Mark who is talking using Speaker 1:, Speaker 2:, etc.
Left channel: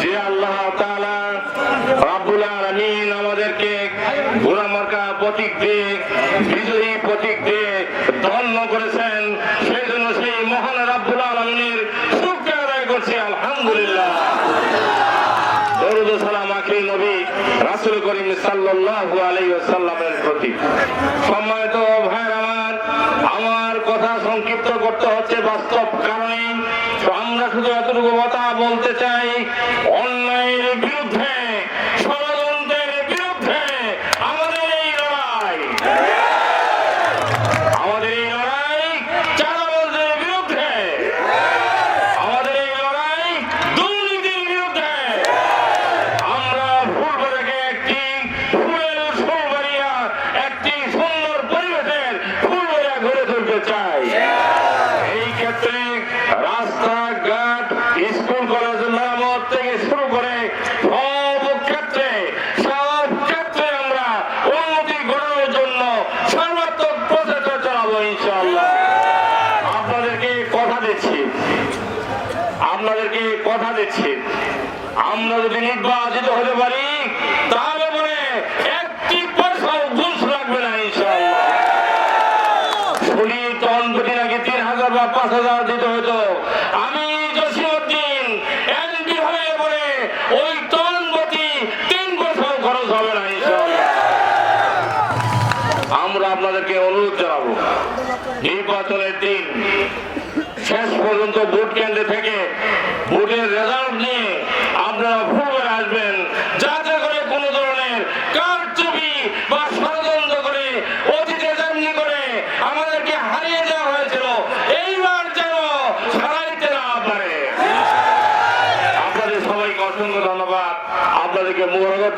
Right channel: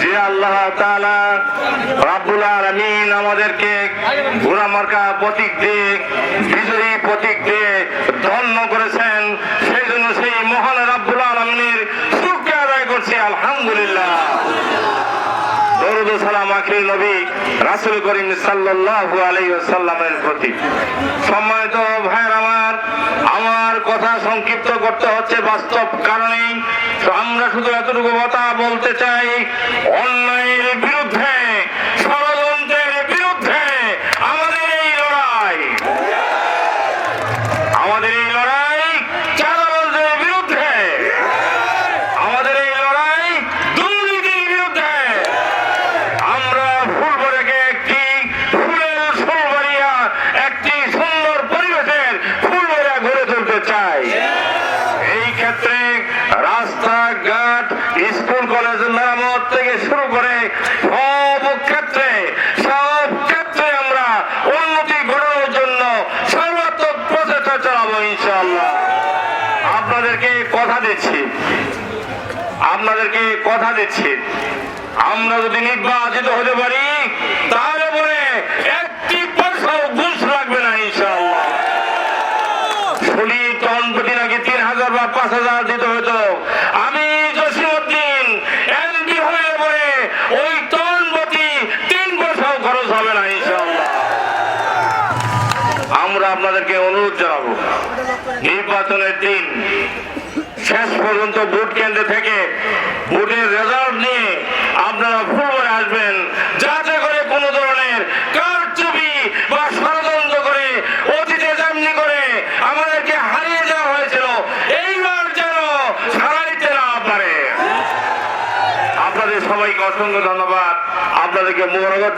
Speaker 1: যে আল্লাহ রাবুল আলমিন আমাদেরকে গুণামার্কা প্রতীক দিয়ে, বিজয়ী প্রতীক দিয়ে ধন্য করেছেন সেই জন্য সেই মহান রাবুল আলমিনের শুক্র আদায় করছি, আলহামদুলিল্লাহ। নবী রাসুল করিম সাল্লাহ আলাই সাল্লামের প্রতি। সম্মানিত ভাই কথা সংক্ষিপ্ত করতে হচ্ছে বাস্তব কারণে। আমরা শুধু এতটুকু কথা বলতে চাই অন্যায়ের বিরুদ্ধে। দিচ্ছি, আপনাদেরকে কথা দিচ্ছি। আমরা যদি নির্বাচিত হতে পারি, তাহলে পরে একটি পয়সাও ঘুষ রাখবে না নাকি তিন হাজার বা পাঁচ হাজার দিতে আমি ওই তিন পয়সাও খরচ হবে না আমরা আপনাদেরকে অনুরোধ জানাব। নির্বাচনের দিন শেষ পর্যন্ত ভোট কেন্দ্র থেকে ভোটের রেজাল্ট নিয়ে আপনারা ফুলবাড়ি আসবেন। যাতে করে কোনো ধরনের কারচুপি বা ষড়যন্ত্র করে অতীতে যেমনি করে আমাদেরকে হারিয়ে দেওয়া হয়েছিল, এইবার যেন হারাইতে না পারে। আপনাদের সবাইকে অসংখ্য ধন্যবাদ। আপনাদেরকে মোবারক।